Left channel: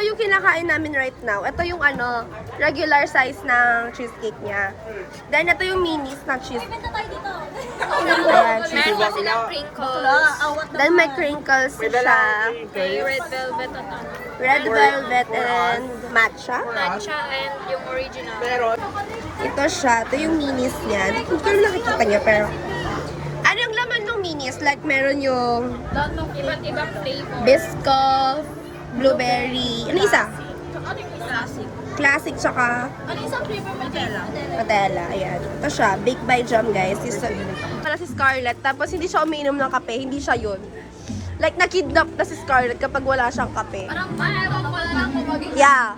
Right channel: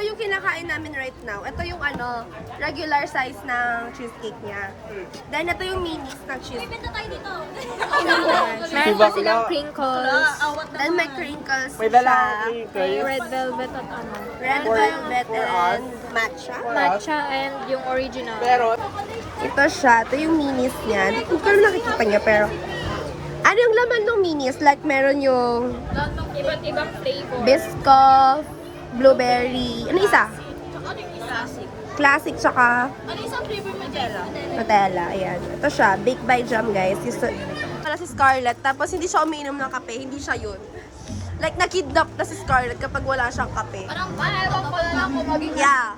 ito yung kinakain namin right now. Ito yung ano, regular size ng cheesecake niya. Then, ito yung minis na cheesecake. Ayan, cheesecake. Then, may crinkles siya. Red velvet at ano. Red velvet and matcha. Matcha and yung original. Ito siya. Ito yung minis niya. Hindi ko lang nakikita niya, pero... Ano yung laman ng minis? Like, meron yung... Iba't ibang flavor. Biscoff, blueberry... Ano isa? Classic. Classic, tsaka... Ano isang flavor Nutella? Nutella, ayan. Ito siya, Baked by Jam, guys. Para si Scarlett, tapos hindi siya umiinom ng kape, hindi siya yun. Like, nakidnap na si Scarlett kapag wala siyang kape. Parang parang ako maging Yeah,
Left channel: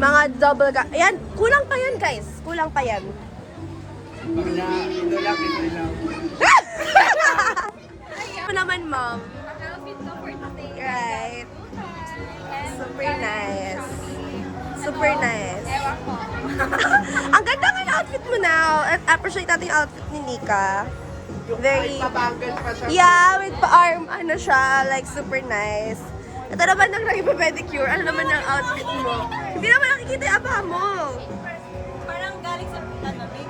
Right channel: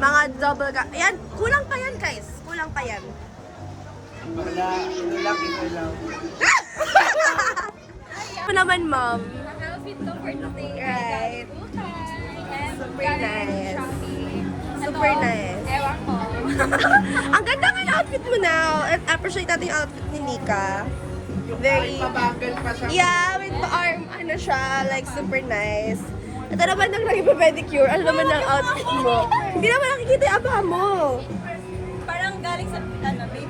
mga double ka. Ayan, kulang pa yan, guys. Kulang pa yan. Ito lang. Ito naman, ma'am. ang outfit ko for today. Right. And Super galing nice. Shopee. Super Ito, nice. Ewan ko. Ang ganda nga ng outfit mo now. At appreciate natin yung outfit ni Nika. Very... Mabagal pa siya. Yeah, with the arm, ano siya, like super nice. Ito naman nang nag-pedicure, ano naman ang outfit mo? Hindi naman nakikita yung aba mo. Parang galing sa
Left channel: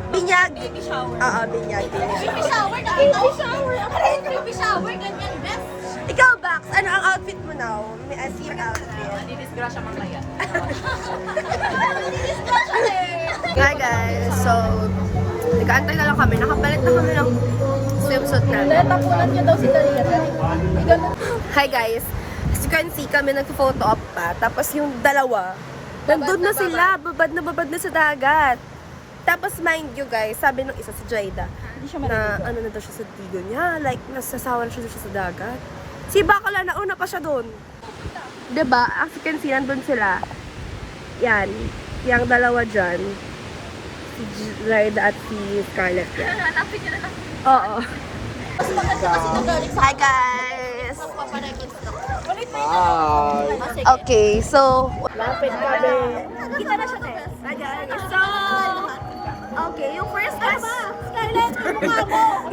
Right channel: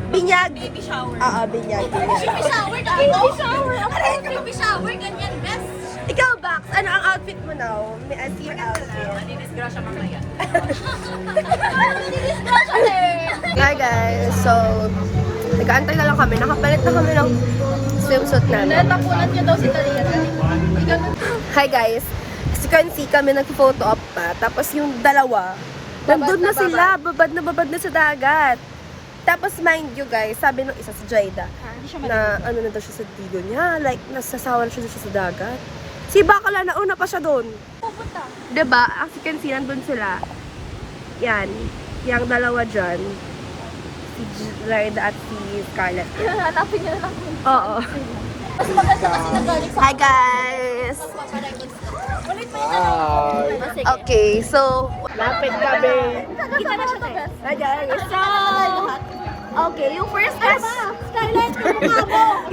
Binyag. baby shower. Oo, binyag. Baby shower? Baby shower? Aray ka baby shower? Ganyan, best. Ikaw, Bax, ano ang outfit mo now? May I see your outfit. Dinisgrasya mo na yan. Hi guys, so nag-aantay na lang kami. Nakapalit na kami ng swimsuit namin. Natapunan niyo daw si Karina. Hi guys, as you can see kami nag-photo op pa. Tapos yung dalawa, nandun na sila, babad na sa dagat. Tapos mind you guys, sabi nung isa si Jaida, na ano na daw siya sa tigo niya, like nasasawa na siya sa dagat. Si Bakala, nauna pa siya doon. Diba? As you can see, nandun sila. Yan. Yung dalawa dyan. Si Jaida at si Scarlett. Hanapin niyo na lang. Oo. Mas maganda kasi na galing sa Hi guys! Hi. Okay, so... Kita na siya, Tess. Hi guys! So... Okay, yung first question... Scarlett, kamukha mo!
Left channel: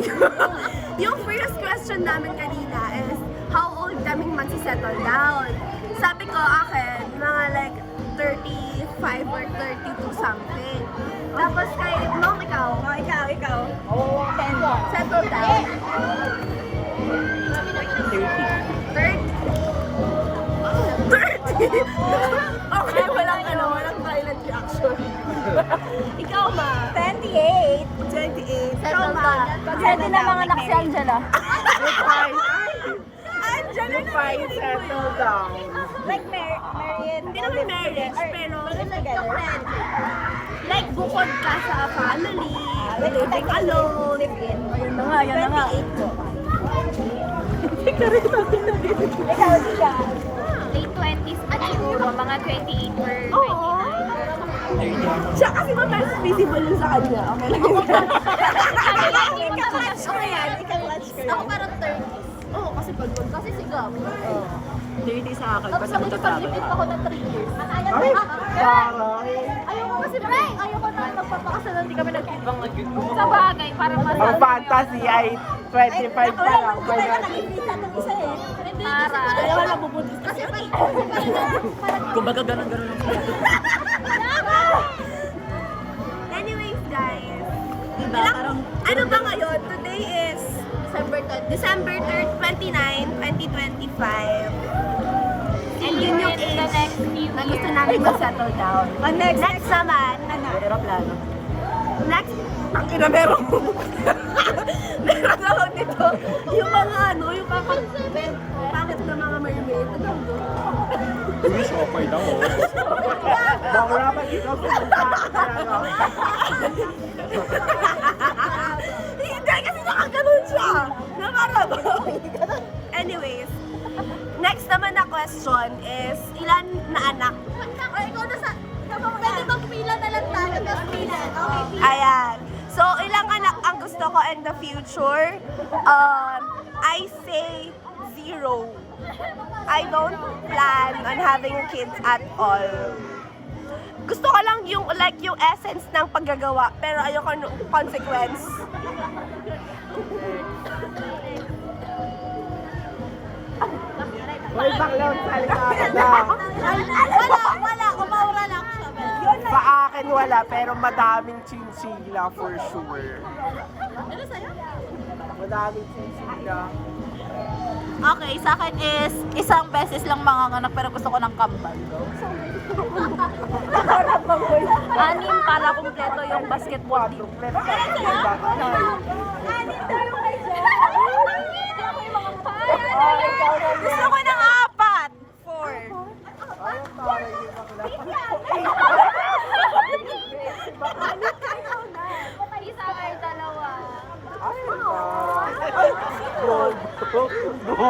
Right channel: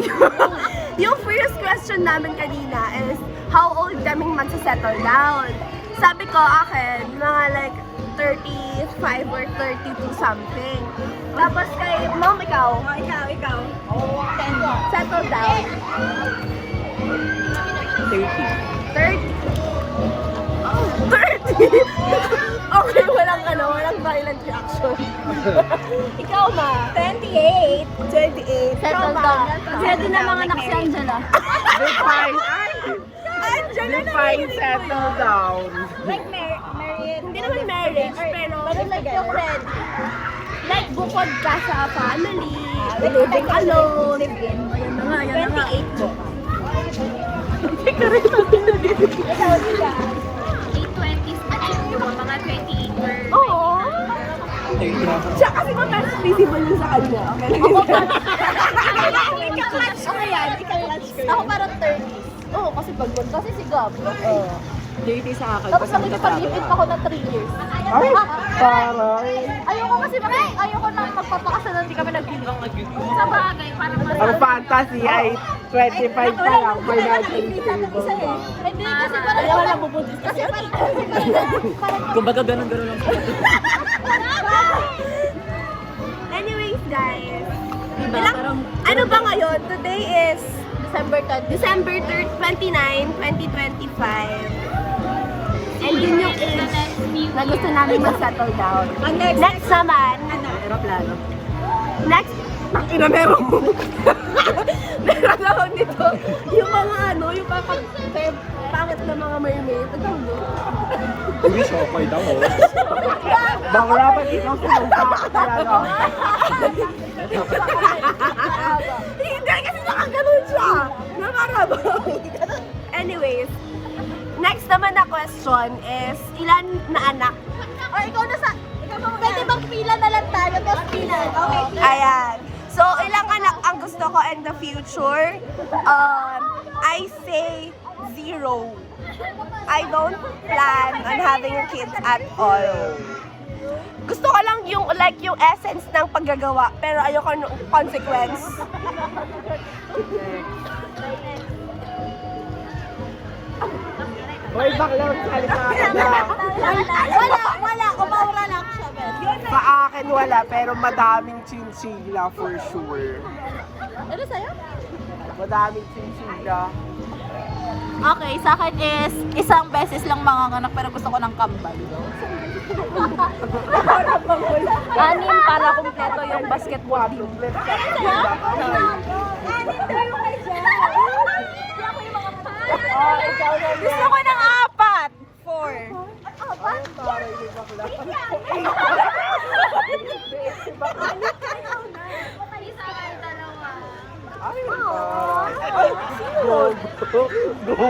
Yung first question namin kanina is how old kaming magsisettle down? Sabi ko akin, mga like 35 or 32 something. Tapos kay Mom, ikaw? Ikaw. Settle down. 30. 30? Oh, 30? Okay, walang violent reaction. Ikaw, Ma? 28. 28. Ikaw, Ma? Pwede na mga anak si Angela. Angela na Down. Like married. Hindi naman marriage, pero like your friend. like bukod ka sa family, living alone. 28 po. Ikaw, diba? Late 20s na siguro, mga 28 or... Oo. 30 ako. Siya kasi mas visible yun sa kanya. Okay lang yun. Ika-clutch ko yan. Ika-clutch ko yan. Ako parang 30. Oo, kasi pagod. Kasi si Gab. Oo. 30 sa akin Tapos kasi magta-travel magpapalipit ka. pa ako na 3 years. Ay, taray. Ayoko kasi ayoko na magpapakasal hindi kami nagbibilang. Sa bagay, parang mas... Ang fantasy ay 25 pa lang. May natin. Hindi kasi parang... Kaya wala bubudis kasi. Kumbaga ganun-ganun lang sila. Anyways, guys. Diba? Parang... Ano ba ngayon? Today is December 3rd. December 3rd, 29, 2025. And yun yung age na gusto namin mag-settle down. Next naman, Aeroplano. next, takina meron. Meron naman dito. Yung mga ano, yung pangit na mga mermaid. Ito doon. Wish okay daw oh. Baka dapat ikaw talaga. Hindi, kasi nakaganon siya. Nakarabang. Anyways, next naman na question is, ilan na anak? O, ikaw na sa... Pwede bang pila na lang tayo? Tapos pila. Okay, pila. Ayan. So, ilang anak ang gusto ko in the future? I say 0. I don't plan on having kids at all. Gusto ko lang yung like yung essence ng paggagawa, pero ayoko ng consequence. Hoy, bakla, salita ka na. Wala. Umaura lang siya, Ben. Sa akin wala, pero madaming chinchilla for sure. Ano sa'yo? Madaming chinchilla. Okay, sa akin is isang beses lang manganganak pero gusto ko ng kambal. Anim para kumpleto yung basketball team. Gusto ko ng 4. 4. Ay, taray ni bakla. Ay, taray. Gogo. Gogo.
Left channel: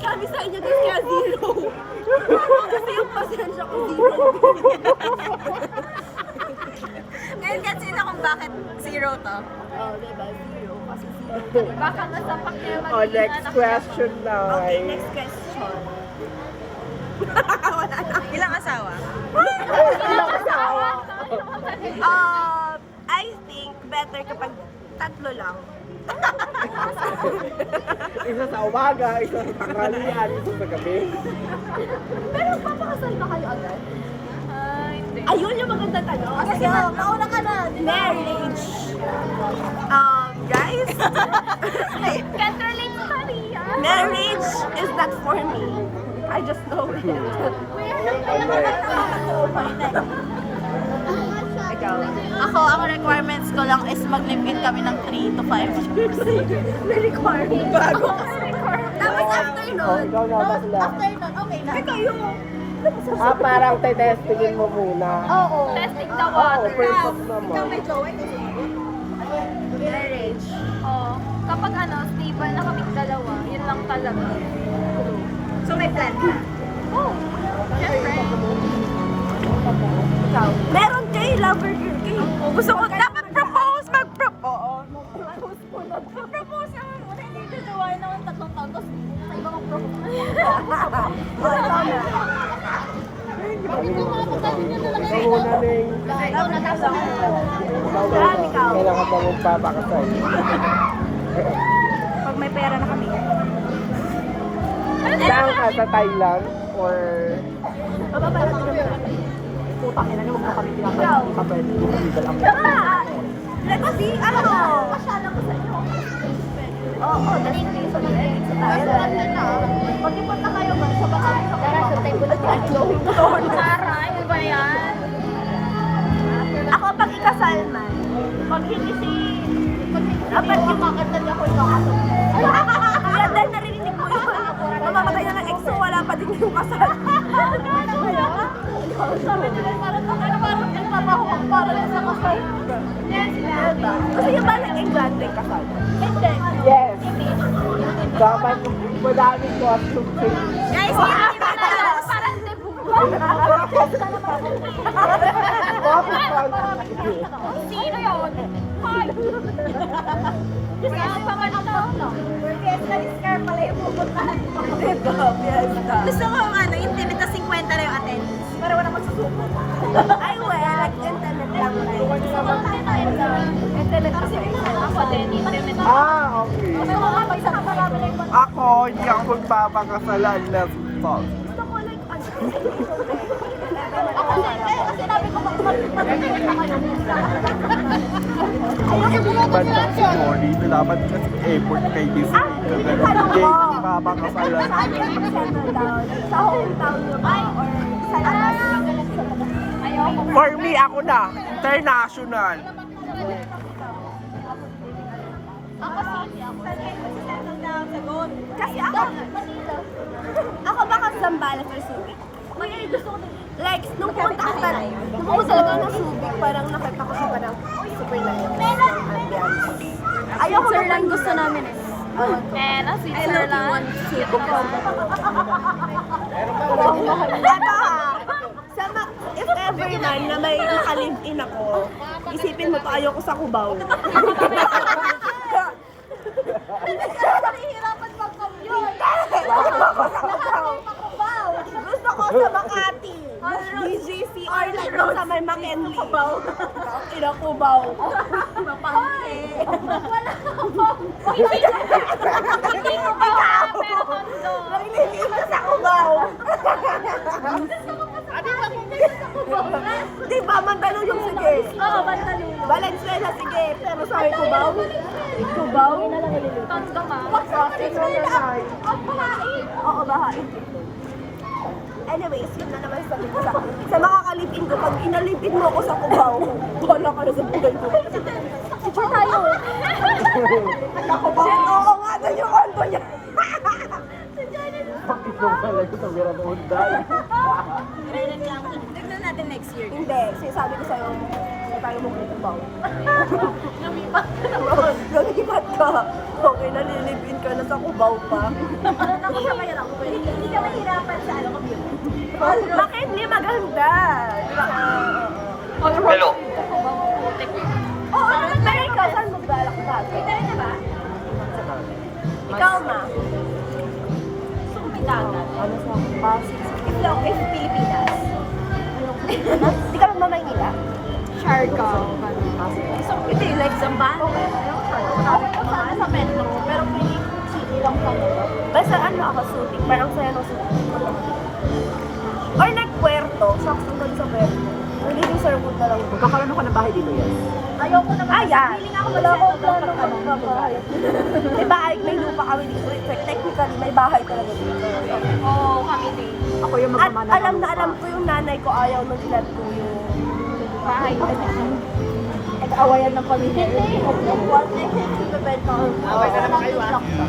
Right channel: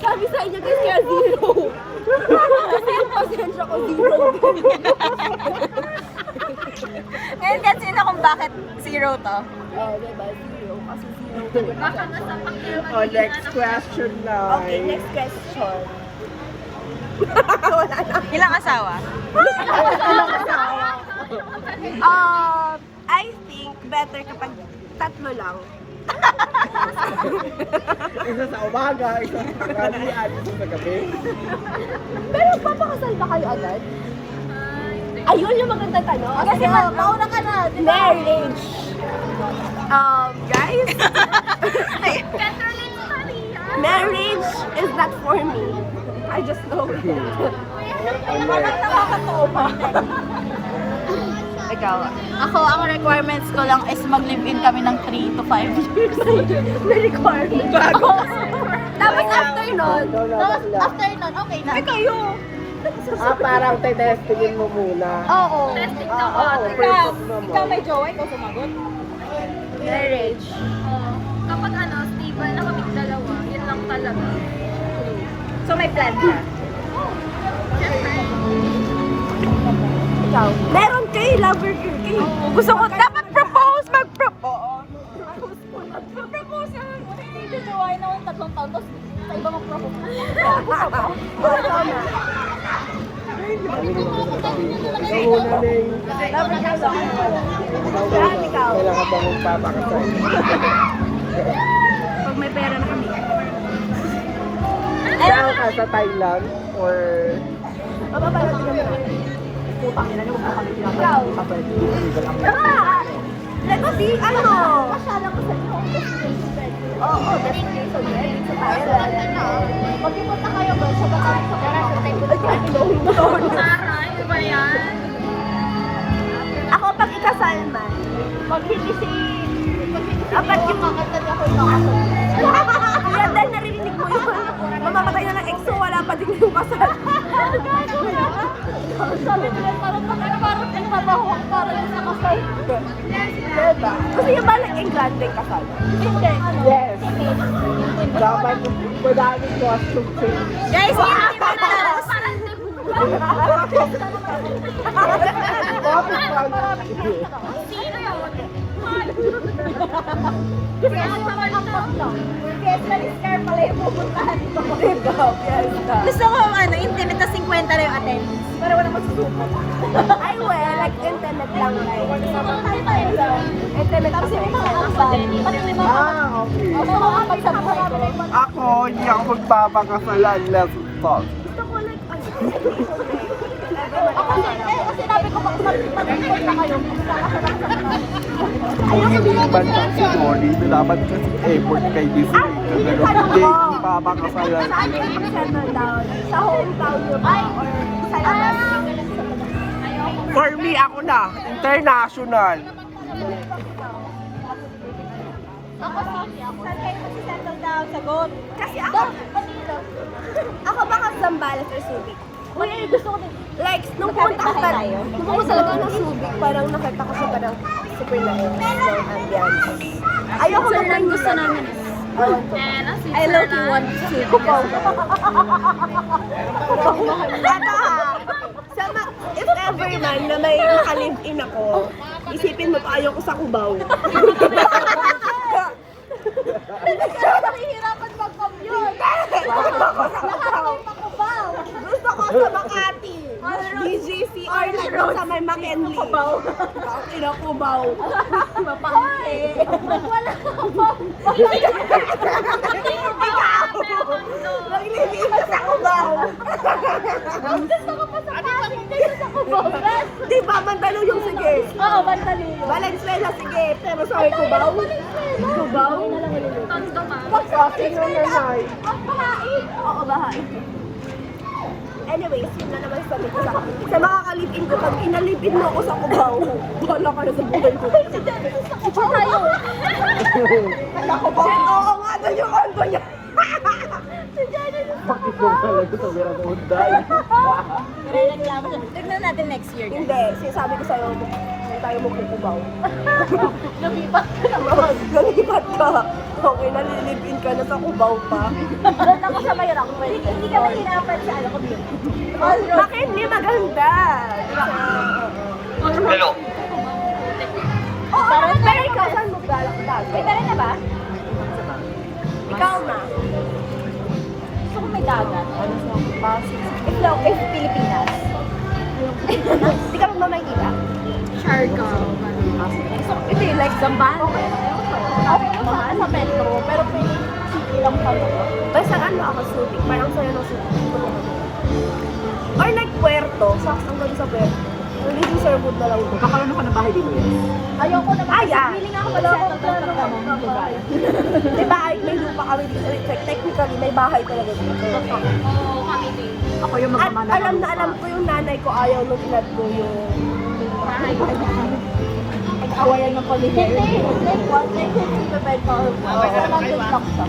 Sabi sa inyo guys, kaya zero. Kasi yung pasensya ko zero. Ngayon kasi na kung bakit 0 to. Oh, diba? Zero. Kasi zero din yung pasensya. Oh, next question na. Okay, next question. Ilang asawa? I think better kapag 3 lang. Isa sa umaga, isa sa tanghalian, isa sa gabi. Pero papakasal ba kayo agad? Ayun yung magandang tanong. Sige, mauna ka na. Marriage. Guys, marriage is not for me. I just know it. Ako, ang requirements ko lang is mag-live-in kami ng 3 to 5 years. Requirement. Tapos after nun, Ikaw na bakla. okay na. Parang tetestingin mo muna. Oo, perfect naman. jowa, ikaw sumagot. marriage. Kapag stable na kami dalawa, yun lang talaga. So may plan ka? Ikaw, meron kay lover girl kay. Gusto ko, dapat propose, mag-propose. Propose naman mo, hindi jojowain ako yung 3 taon, tapos sa iba mag-propose. Tama. Ikaw muna, Ning. Lover girl ako. Ikaw Lahat muna. ikaw. Kailangan ba magpapakasal? Pag may pera na kami. Saan ka sa Thailand or Mapapala din naman natin. putang ina niyo, huwag na kami Ikaw. pinapakasal. Kapwede, illegal ang Let's see, ano? Pasyalan ko sa inyo kung destination wedding. Oo, destination wedding sa Thailand. Pag-ipunta kayo ba sa Batangas sa kayo? Ay, kahit inuhin ko. Ano ba yan? Ako, pag ikasal man, Pag hindi si... Pag hindi si dapat Leo, yung kakanta niya ako ikakasal. Kaya dahil narinig mo yun, mamamatay na ng ex so wala pa din yung kasal. Sabi nila parang nagtrabaho ako para lang sa kasal. Diba? Kasi yung balang engrandeng kasal. Hindi. Yes. Timid. Dapat madaming costume change. Guys, hindi ba na Parang Bakit maraming dito. sino yun? Kasi ayaw may ampang lang. Kasi sa Rizcar pala yung pupuntahan ko. Diba? Fiesta. Gusto ko intimate na 50 na yung attendance. Para walang magsusuko. Ay, well, like internet lang like. Gusto ko tayo lang. Internet Tapos kasi. yung mga kasal. Pati yung mga Okay. Gusto ko kapag sa marami na yung Ako, hindi ako magpapakasalan. Let's talk. Gusto ko like, ano, Ako kasi sinabi ko mag-report na kayo. Magkakasal ako sa Batangas. Kung hindi bandang si Dory, na dapat kasi effort kay Disney. Kagano, hindi papakasalan. saan kayo mag-settle down? Sa hometown nyo ba? Or sa labas? For me, ako na. International. Ako Sophie ako. Saan kayo mag-settle down? Sagot. Kasi ako, Manila. ako baka Zambales or Subic. Manila gusto ko Like, nung pumunta ako talaga ng Subic, parang nakita ko siya parang super nice ng ambience. Ayoko mag-Manila. Gusto namin Awan ko. I love you one. Kupaw. Eto ha, if ever man na may nakalive-in ako, isipin mo to, ayoko sa Cubao. Nahihirapan mag-commute. Gusto ko sa Makati. BGC or nandun sa may McKinley. Kubaw. Ina Kubaw. Mapangke. Wala ako. Ikaw! Naglilinis ka sa Kubaw. Di ba, Mandaluyong sige. Oo, Bantaluyo. Valenzuela sige, pero sa may Kubaw. Kubaw? Kasi nung nanay. Bahain. Oo, bahain. Anyways, yun na naman sabi ko sa makakalipin ko, pag inalipin mo ako sa Kubaw, bahala ka na sa buhay ko. Sa Kubaw tayo. Hala ko ba? Oo nga, doon yung kanto niya. Bakit mo talaga sa Vera Unday? Reklamo siya. Tignan natin next year. Hindi, sinasabi ko sa'yo, hindi tayo magkukubaw. Lumipat ka na. Lumipat ka. Okay, nalilipin ka na sa Kubaw pa. Doon ako sa Mayroon. Hindi ka mahirapan sa ano, commute. McKinley, maganda. Hello. Oo, pero ikaw, saan mo galak bago? May pera ka ba? Ikaw, ma. Gusto ko may dagat. Ano sa Pasig? If Pilipinas. Hindi ka magmamaynila? Siargao. Hindi, like Zambales. Okay mo sa metro, pero piling city lang pala. Basta ano ako, shooting. Parang saya ng shooting. Punta ka doon. Or like Puerto. Saktong doon sa Puerto. Relieving Sherwood na lang doon. Kakaroon ako ng bahay dito yan. Ayoko naman. Ayan. Feeling ako mag-settle down pag anong lugar. Diba, may lupa kami dito. Like, technically, may bahay talaga dito. Oo, kami din. Ako yung At magmamana. alam na alam ko yung nanay ko ayaw nung inad ko yung Nag-awayan ng pamilya. Hindi, like what? Like, bibenta or what? Nandun lang siya.